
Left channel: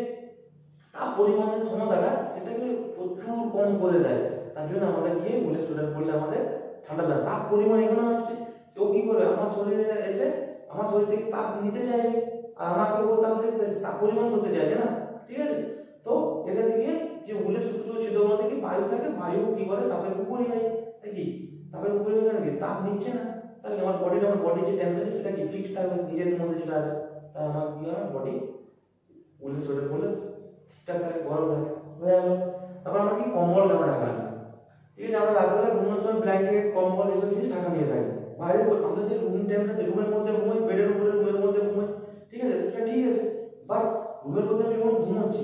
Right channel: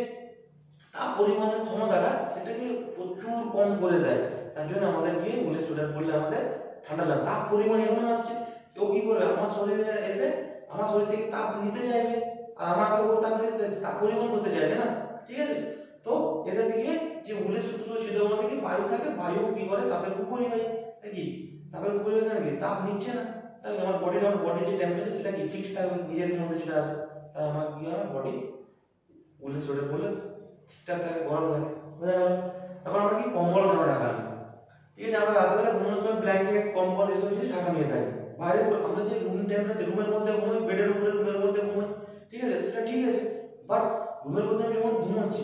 তাপ পরিমাণের ক্ষমতাটা সেটাকে প্রচুর কম করে দেয়। তার জন্য আমাদের কি উলের সোয়েটার পরলে আমাদের ঠান্ডা লাগে। তাপ পরিমাণ এমন আসছে, ও কি করবে, আমার শরীরে এসে আমার শরীর থেকে তাপ নিতে চাইবে, আর আমাকে ও তাপ পরিবহন করতে চাইছে না, ঠিক আছে। তো এটা থেকে যে উলের সূত্র ছিদ্র মধ্যে কি বায়ু থাকে, বায়ু কি করে তাপের উপরিবাহী, তাই কি তাপের উপরিবাহী কি তাপ নিচ্ছে না, তাহলে আমার বডির যে টেম্পারেচার সেটা কি ফিক্সড থাকবে নিজের মধ্যে যেটা আছে, তাই আমার কি হয় বডি উলের সোয়েটার পরলে ঠিকঠাক থাকে, গরম থাকে, বোঝা গেল। তারপর আমরা কি কম্বল আমরা ঢাকা নিই, ঠিক আছে। আমরা রাত্রে ঘুমানোর সময় ব্ল্যাঙ্কেট কম্বল এসব জিনিস ঢাকা নিয়ে থাকি। বাইরে আমরা যে রুম টেম্পারেচার রুমের মধ্যে ঘুমাই, বেডের উপরে রুমের মধ্যে ঘুমাই, ঠিক আছে, সেটা ঠিক আছে। বাট রুমের মধ্যে আমি যখন ঘুমাচ্ছি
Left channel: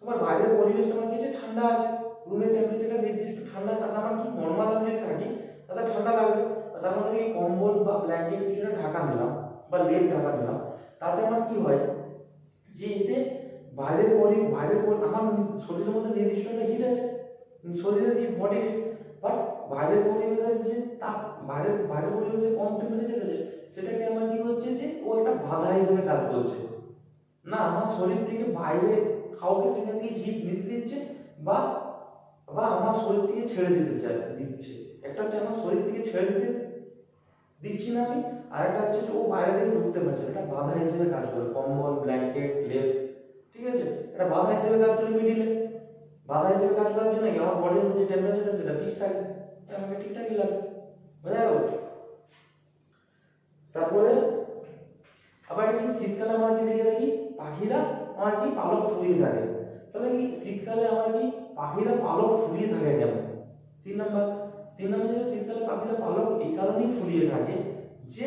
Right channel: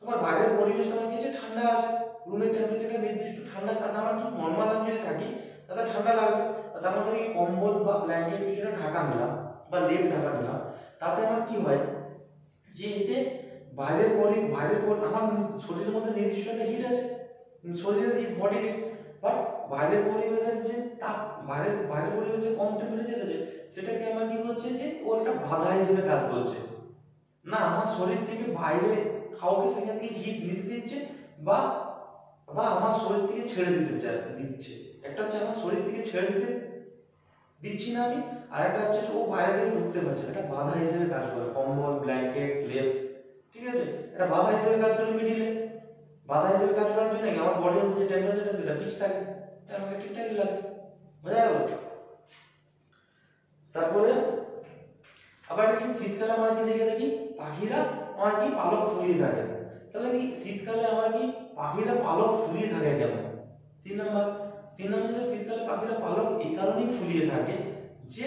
তোমার বাইরের পরিবেশটা আমার কি আছে ঠান্ডা আছে, রুমের টেম্পারেচারটা নির্দিষ্ট ঠান্ডা, তাতে আমার কি নর্মাল আমি যদি থাকি তাতে ঠান্ডা লাগবে, তার মধ্যে কি কম্বল বা ব্ল্যাঙ্কেট কিছুটা ঢাকা নিলাম বা লেপ ঢাকা নিলাম, তাতে আমার কি হয় যে এতে বাইরের আমার শরীরের মধ্যে নির্দিষ্ট একটা হিট আছে, শরীরের যে বডির, বাট বাইরের পরিবেশের যে তাপ, বাইরের পরিবেশে কম টেম্পারেচার আছে, সেটাকে আমার কি হচ্ছে যে ও একটা বাধা হিসেবে কাজ করছে না, আমার শরীর থেকে বাইরে কাউকে সেখান থেকে হিট নিতে দিচ্ছে বা বা আমার শরীর থেকে ছেড়ে দিচ্ছে। একটা হচ্ছে আমার শরীর থেকে ছেড়ে দিতে দিচ্ছি না আমি, আর একটা হচ্ছে ও বাইরে থেকে ঢুকতে পারছে, এটা বাধা হিসেবে কাজ করে কম্বল ব্ল্যাঙ্কেট লেপ, ঠিক আছে, এটা বাধা হিসেবে কাজ করে মিডিলে। বাধা হিসেবে কাজ করার জন্য কি আমার বডির মধ্যে যে টেম্পারেচারটা সেটা ফিক্স থাকে, তাই আমাকে ঠিকঠাকই লাগে, বোঝা গেল। তারপরে আবার কি শীতকালে আমরা কি দেখি পাখিরা আমার কি পালক ফুলিয়ে থাকে, তাহলে কি শীতকালে আমার কি পাখিরা পালক ফুলিয়ে থাকে কেন? তিন নম্বর যে শীতকালে পাখিরা পালক এই কারণেই ফুলিয়ে থাকে যে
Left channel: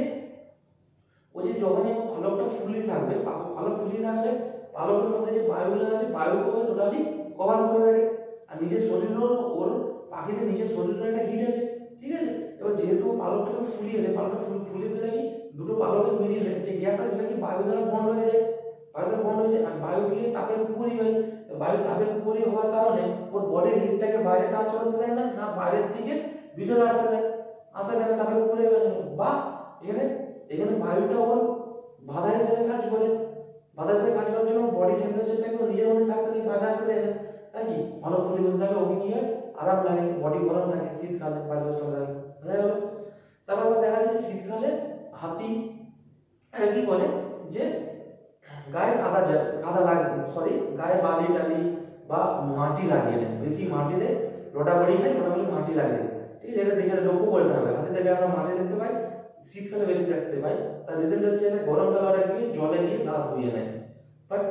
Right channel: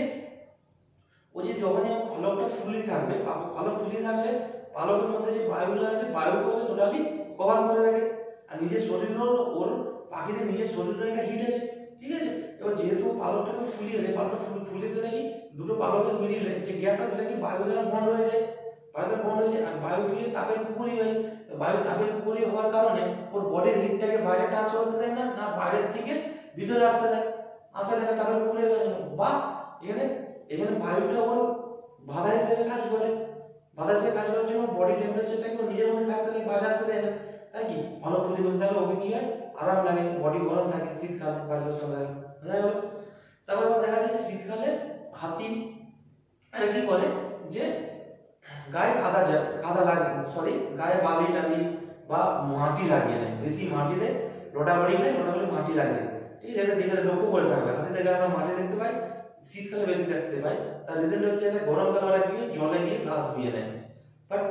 ও যে যখনই পালকটা ফুলিয়ে থাকবে, পালক ফুলিয়ে থাকলে পালকের মধ্যে যে বায়ুগুলো আছে বায়ুকে টোটালি কভার করে রাখে, আর নিজের শরীরের ওর পাখিদের নিজের শরীরের একটা হিট আছে, ঠিক আছে। এবার যেহেতু পালকটাকে ফুলিয়ে দেয়, পালকটা ফুলিয়ে দিলে কি দুটো পালকের মিডিলে যে গ্যাপটা সেটা কি বায়ু দ্বারা বন্ধ হয়ে যায়, আর বায়ু গিয়ে তাপের উপরই হয়, বায়ু তাপের উপরই হওয়ার কারণে ওর বডির হিটটাকে বাইরে ট্রান্সফার হতে দেয় না, না বাইরের থেকে ভিতরে আসতে দেয় তাপের উপরে, বা এখানে বায়ুটা ওর বাধা হিসেবে কাজ করে, বাধা হিসেবে কাজ করার জন্য বডি টেম্পারেচারটাকে নিজের মধ্যে থাকতে দেয়, বাইরে আসতে দেয় না, তাই কি ভালো ফুলি বসে থাকলে ওকে কি হয় আরাম লাগে, বডি গরম থাকে, শীতকালে বাইরে বসে লাগে, বোঝা গেল। তারপর আবার দেখা যায় যে শীতকালে হাতি কি করে যে গায়ে কাদা লাগে, গায়ে বালি টালি বা মাটি লাগিয়ে নেয়, বেশি মাটিতে লোটাবাড়ি মাটি লাগে, ঠিক আছে। এটা দেখে লক্ষ্য করে থাকবে, হাতিদের গায়ে আমরা মাটি দেখতে পাই, শীতকালে বেশি দেখতে পাই, তার রিজনটা হচ্ছে গরমকালে ওরা গিয়ে জলে গিয়ে গা ধুয়ে নেয়, বাট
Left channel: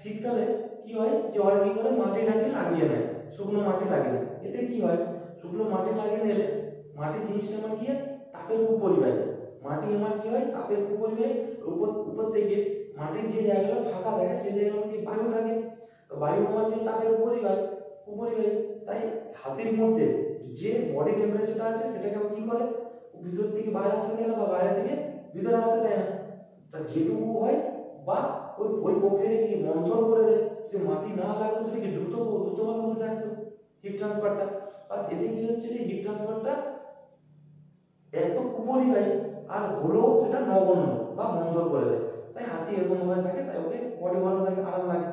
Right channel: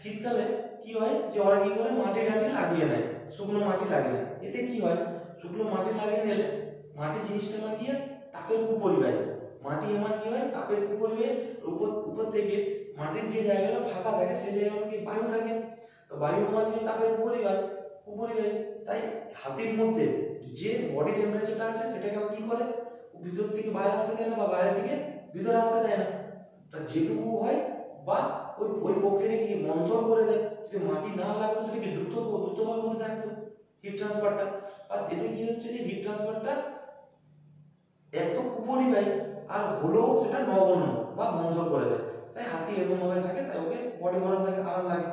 শীতকালে কি হয় যে ওরা কি করে মাটি টাটি লাগিয়ে নেয়, শুকনো মাটি লাগিয়ে নেয়। এতে কি হয় শুকনো মাটি লাগিয়ে নিলে মাটি জিনিসটা আমার কি হয় তাপের উপরিবাহী, মাটি আমার কি হয় তাপের উপরিবাহী, উপর থেকে মাটির যে জায়গাটা ফাঁকা থাকে সেই জায়গায় কি বায়ু থাকে, তো বায়ু আমার কি তাপের উপরিবাহী, তাই হাতির মধ্যে যে বডি টেম্পারেচারটা আছে সেটাকে কি করে ভিতর থেকে বাইরে আসতে দেয় না বা বাইরে থেকে ভিতরে আসতে দেয় না, তা যেটুকু হয় বা ওই প্রক্রিয়াটাকে মন্থর করে দেয়, যদি মাটি না লাগতো সেটাকে দ্রুতভাবে হতে থাকতো হিট ট্রান্সফারটা, আর এতে কি হচ্ছে যে হিট ট্রান্সফারটা এত উপরিবাহী আর হলেও সেটা নগণ্য বা মন্থর করে দেয়, তাই হাতি এরকম ভাবে থাকে, তাই ওকে বডি গরম থাকে, আরাম লাগে।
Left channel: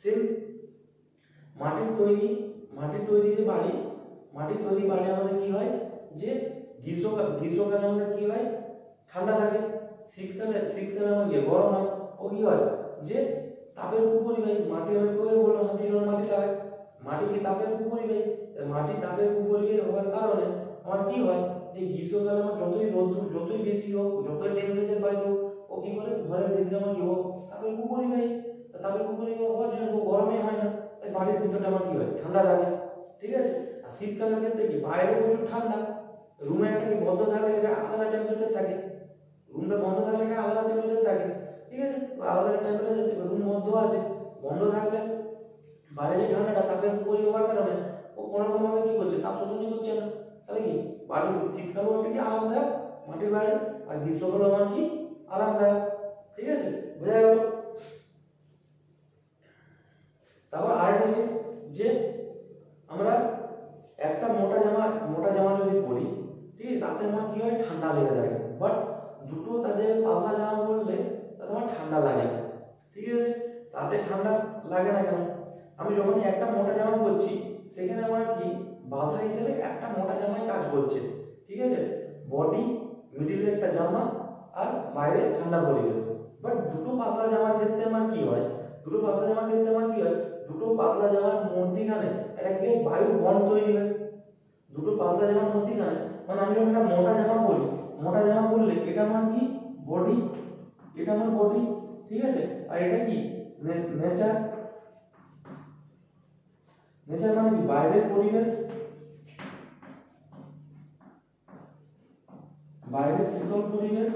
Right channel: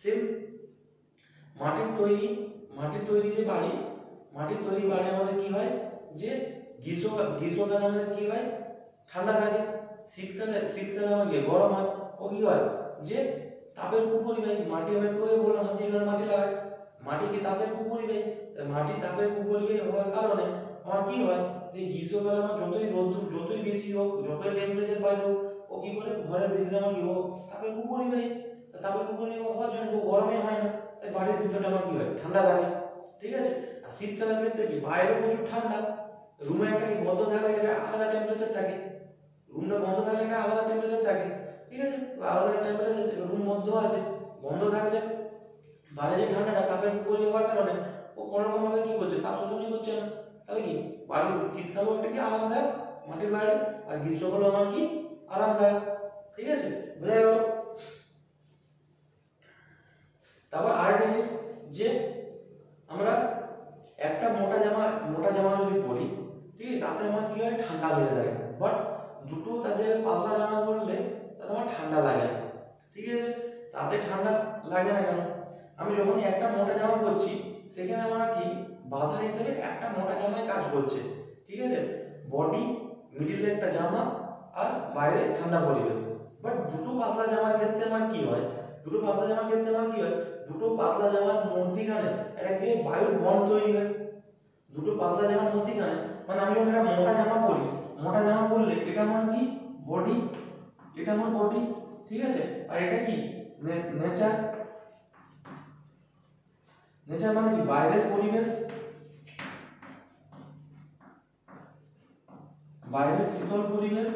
সেম মাটির তৈরি যে বাড়ি, আমাদের কি হয় যে গ্রীষ্মকালে আমাদের কি হয় ঠান্ডা থাকে, শীতকালে আমাদের গরম হয়, ও কি হয় যে তাপের উপরিবাহী, মাটি আমি বললাম মাটি লাগে, মাটি কি তাপের উপরিবাহী, মাটি তাপের উপরিবাহী হওয়ার কারণে আমার কি হয় যে গ্রীষ্মকালে আমার যতই রোদ্দুর যতই বেশি হোক, যতই টেম্পারেচার বাড়ে হোক, ও কি করে ঘরের ভিতরে আমার কি হোক তাপের উপরিবাহী, হওয়ার জন্য গরমে হয় না, তাই বাড়ির ভিতরটা আমার কি হয় ঠান্ডা থাকে, ঠিক আছে। আর শীতকালের ক্ষেত্রে কি বাইরে প্রচুর ঠান্ডা, রুমে একটা কি বন্ধ থাকলে একটা আলাদা টেম্পারেচার থাকে, রুমটা বন্ধ থাকলে একটা আলাদা টেম্পারেচার থাকে, ঠিক আছে, আলাদা টেম্পারেচার রুম বন্ধ আছে, বন্ধ থাকলে বাইরে যে ঠান্ডাটা তাপের উপরিবাহী হওয়ার কারণে ও কোনো রকমভাবে কি করছে তাপ শোষণই করছে না, তাহলে কি বাড়ি শীতকালেও একটা কি আরামদায়ক মাটির বাড়ি, আর গ্রীষ্মকালেও আমার কি আরামদায়ক, ঠিক আছে, বোঝা গেল। তারপর আরেকটা জিনিস যে আমরা একটা মোটা জামা যদি পরি, ঠিক আছে, তাতে আমার কি হয় ঠান্ডা লেগে যায়, বাট দুটো তাদের পাতলা জামা পরলে তাতে আমার ঠান্ডা লাগে না, ঠিক আছে। তাতে ঠান্ডা লাগে না কেন, আমি যখনই একটা মোটা জামা পরছি সেখানে আমার কি বাধা হিসেবে একটা মোটা জামায় কাজ করছে, ঠিক আছে, বডি মিডিলে একটা জামা আর বাইরে ঠান্ডা পরিবেশ, বাট দুটো পাতলা জামার ক্ষেত্রে আমার কি হয়, দুটো পাতলা জামার ক্ষেত্রে আমার কি হয়, দুটো পাতলা জামার মধ্যিখানে একটা কি বায়ু বন্ড তৈরি হয়। দুটো পাতলা জামার মধ্যিখানে মানে আমি যখন একটা মোটা জামা পরি, মোটা জামা পরলে এটা আমার কি বডি, এটা আমার বডি, ঠিক আছে, আর এটা কি নেচার। নেচার মানে কি বাইরের পরিবেশ, বাইরের শীতল পরিবেশ,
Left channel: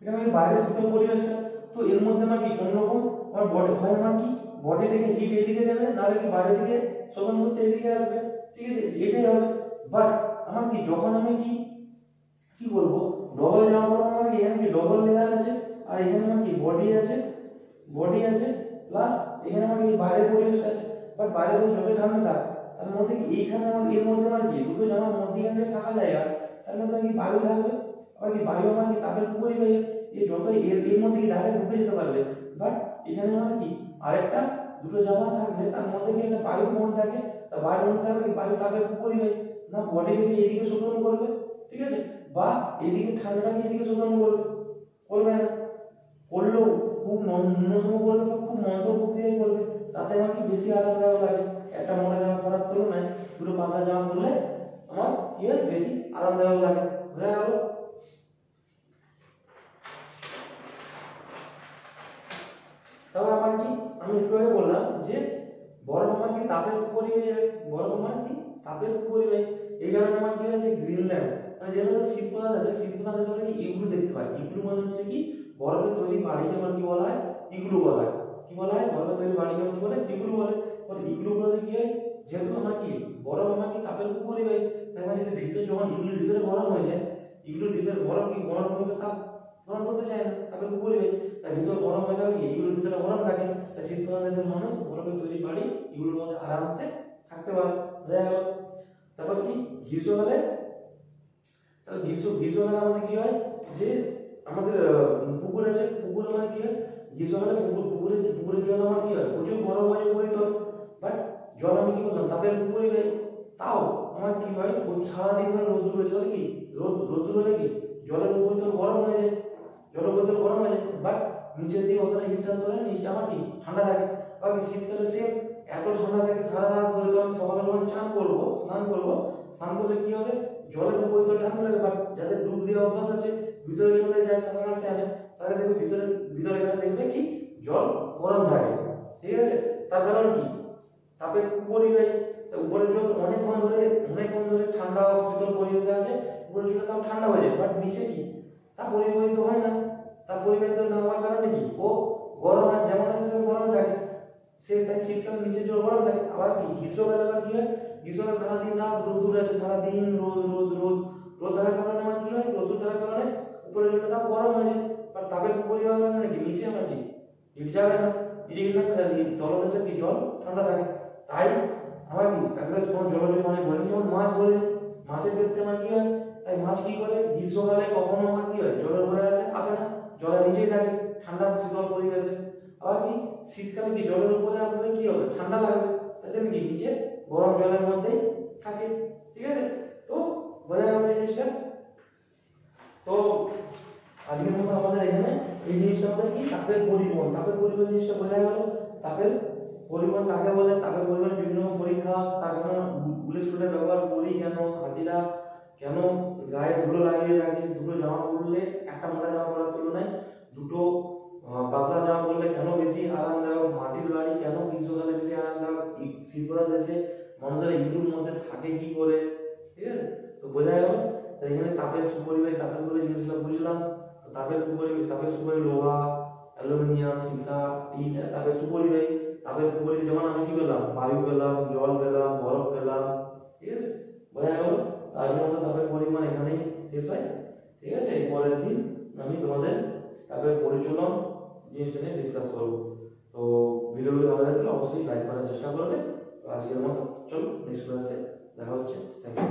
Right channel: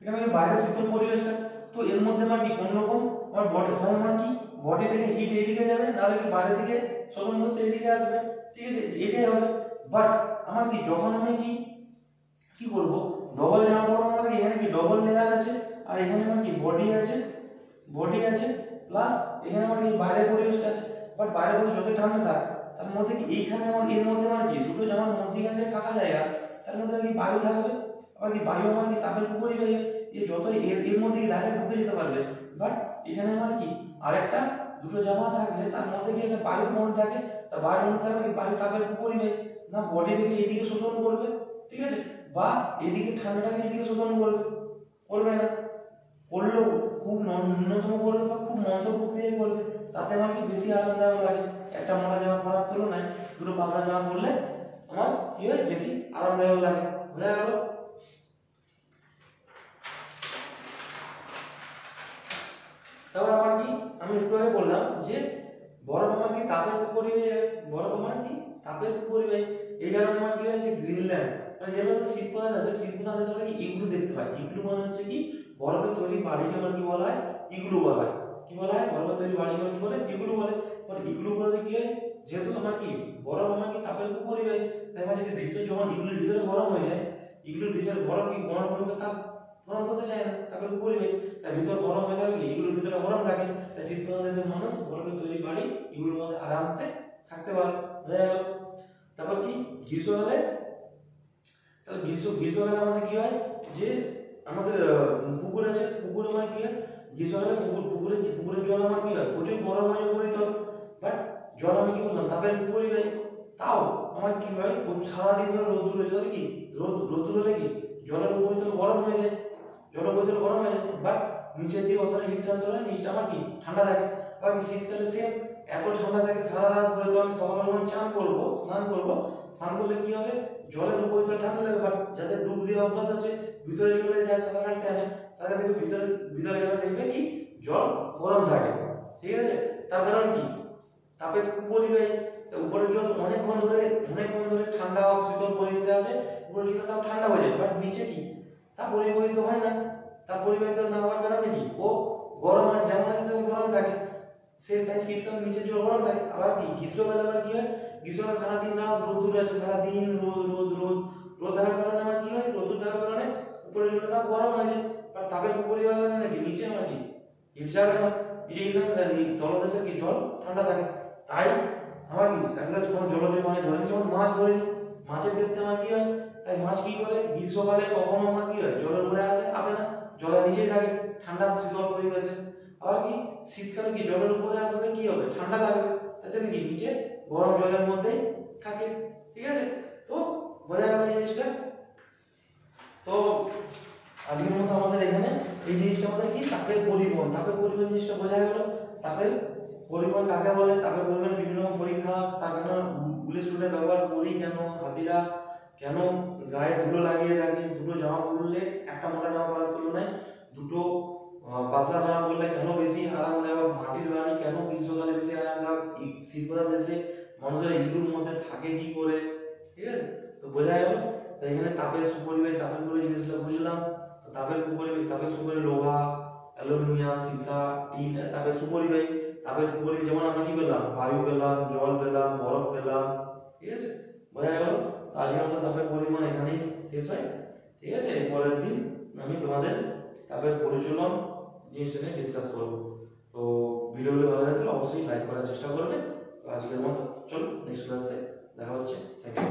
এটা মানে বাইরের শীতল পরিবেশটা। তো এর মধ্যে আমার কি কোন রকম আমার বডি হয়, আমার কি বডি থেকে হিট এদিকে যাবে, নাহলে কি বাইরে থেকে শোষণ করতে এদিকে আসবে, ঠিক আছে, এটাই হবে। বাট আমার কি যখন আমি কি কি করব, ডবল জামা পরবো, আমার এখানে কি ডবল লেয়ার আছে, আর এখানে আমার কি বডি আছে, বডি আছে, প্লাস এখানে আমার এই বাইরের পরিবেশটা আছে। বাট বাইরে পরিবেশ যত ঠান্ডা থাক, তার মধ্যে কি এইখানে আমার এর মধ্যে আমার কি দুটো জামার মধ্যিখানে যে ফাঁকা জায়গা, তার মধ্যে কি বায়ু থাকবে, আবার কি বায়ু আমার কি তাপের পরিবাহী, এই যত এর মধ্যে ডাইরেক্ট ঢুকে যেতে পারবে। বাট এখানে আমার কি আরেকটা দুটো জামা থাকলে তার মধ্যে কি একটা বায়ু বন্ড থাকে, তা বায়ু বন্ড থাকলে কি বায়ু তাপের পরিবাহী না বডি থেকে এইদিকে শোষণ করবে, ঠিক আছে, বা এদিকে ঠান্ডাটাকে এদিকে শোষণ করবে, করবে না, করলেও খুব ন্যূনতম করবে বা খুব মন্থর প্রক্রিয়ায় করবে, তাতে আমার কি বেশি আরামদায়ক লাগে। একটা মোটা জামা পরার তুলনায় দুটো পাতলা জামা পরলে আমার কি হয় বেশি আরামদায়ক লাগে। বোঝা গেল? তারপর আমার কি আমি একটু আগে বললাম যে বরফ আমার কি তাপের পরিবাহী, বরফ আমার কি তাপের পরিবাহী। এই কারণে আমার কি হয় যে গ্রিনল্যান্ড মানে যেগুলো শীতপ্রধান আছে, শীতপ্রধান দেশে আমরা কি ইগলু দেখতে পাই। ইগলু মানে হচ্ছে কি বরফের তৈরি বাড়িকে আমার কি বলা হয়, ইগলু বলা হয়। কি বলা হয়, বরফের তৈরি বাড়িকে কি বলে, ইগলু বলে। মানে ইগলু বলতে কি হয়, যেহেতু আমার কি বরফ আমার কি তাপের পরিবাহী, তাই মানে যদি ভিতরে যখন ইগলুর ভিতরে গরম হয়ে যায়, ইগলুর ভিতরে বরফ কি গরম করবে, তাপ গরম করতে চায় না, তাপের পরিবাহী, তাই ভিতর গরম হয়ে থাকলে ইগলুর ভিতরে গরম থাকে, তাই শীতপ্রধান দেশের মানুষ বরফের তৈরি বাড়ি ইগলুর মধ্যে আরামসে থাকতে পারে। বোঝা গেল? তারপর কি গ্রীষ্মকালে, তাহলে গ্রীষ্মকালে আমাদের কি হয় যে আমাদের পুকুর আছে, পুকুরে আমার কি হয় গ্রীষ্মকালে পুকুরের জল আমার কি হয় প্রচুর গরম হয়ে পরিতল। বাট জল আমি কি বললাম তাপের পরিবাহী, তাও আমার কি হয় সারাদিন ধরে রোদ্দুর হয়েছে, তাহলে কি রোদ্দুর হলে কি জলের উপরিতল গরম হয়ে যায়, জলের উপরিতল গরম হয়ে যায়, বাট নিচের দিকে অতটা হিট ট্রান্সফার হয়, নিচটা আমার কি ঠান্ডা থাকে। আবার কি শীতকালে সেম এত ঠান্ডা থাকে সারা রাত ধরে, তো আমি সকালে যখন স্নান করবো, স্নান করলে কি হবে জলের উপরিতল ঠান্ডা লাগে, বাট যাদের ডুব দিয়ে অভ্যাস আছে ভিতরে চলে যায় সাঁতার কাটতে আনে, তারা দেখবে ভিতরে গেলে দেখবে কি জল গরম থাকে, ঠিক আছে। তার কারণ কি তাপের পরিবাহী, উপরের জল অনেকক্ষণ ধরে ঠান্ডা ও শীতল পরিবেশে আছে, উপরের জল তাপ ঠান্ডা হয়ে যায়, বাট নিচে কি তা পরিবাহিত হয় না। তা পরিবাহিত না হওয়ার কারণে কি ও গরম আর যেমন হিসেবে গরম থাকে, সে তাই শীতকালে নিচের জল গরম থাকে। আবার কি গ্রীষ্মকালে আবার কি হয়, গ্রীষ্মকালে সারাদিন রাত রোদ্দুর আছে, সারাদিন রোদ থাকার কারণে আমার কি হয় রোদ্দুর থাকার কারণে উপরের জল তাপ গরম হয়ে যায়, বাট তাপের পরিবাহী নাকি নিচে আমার কি হিট যাবে না, তলদেশে কি জল ঠান্ডা থাকে। তাই আমার কি একটা যখন জলজ মানে ধরে যেমন মাছ ধরে, মাছের ক্ষেত্রে আমার কি হয়, তাই মাছ কি করে গ্রীষ্মকালে কখনো আমার কি হয় জলের উপরে আসে না, জলের নিচেই থাকে ঠান্ডা শীতল পরিবেশে। আবার কি শীতকালে কি জলের উপরে আসলে কি হবে ঠান্ডা লাগবে, তার জন্য কি নিচে গরম জলের মধ্যেই থাকে, ঠিক আছে। তো বোঝা গেল এই জিনিসটা। তো আজকের মতো আমাদের এখানে এই জিনিসটা আমাদের কি তাপের পরিবহন জিনিসটা বোঝা গেল। তাপের পরিবহন কাকে বলে, তাপের পরিবহন বিভিন্ন রকম পরীক্ষা, তার কেন গুলি স্টুডে ব্যবহার করি, কেন হাতিরা কেন গায়ে ধুলো লাগিয়ে থাকে, দুটো জামা পরলে একটা মোটা জামা পরার তুলনায় দুটো পাতলা জামা পরলে কেন বেশি আরামদায়ক, মাটির বাড়ি কেন গ্রীষ্মকালে বেশি আরামদায়ক, শীতকালে দেশে মানুষের ইগলুর মধ্যে থাকে কি করে, ঠিক আছে। তো বোঝা গেল। তো এখানে তাপের সুপরিবেশ, তাপের পরিবেশ জিনিসগুলো বুঝলাম। তো তাপের সুপরিবেশ, তাপের সুপরিবেশ লোহা, অ্যালুমিনিয়াম, সীসা, টিন, তাপের সুপরিবেশ। তাপের সুপরিবেশ যেমন আমি কি পেলাম বায়ু পেলাম, জল পেলাম, বরফ পেলাম, ঠিক আছে, বোঝা গেল। তো আজকের মতো তাপের পরিমাণ এখানেই শেষ হয়, ঠিক আছে। পরের দিন আমি তোমাদের তাপের পরিচলন জিনিসটা নিয়ে ডিসকাস করবো। তো ভিডিওগুলো ভালো লাগলে অবশ্যই লাইক করার চেষ্টা করবে। তো আজকের মতো চলো নেক্সট ক্লাসে দেখা হচ্ছে। Thank you.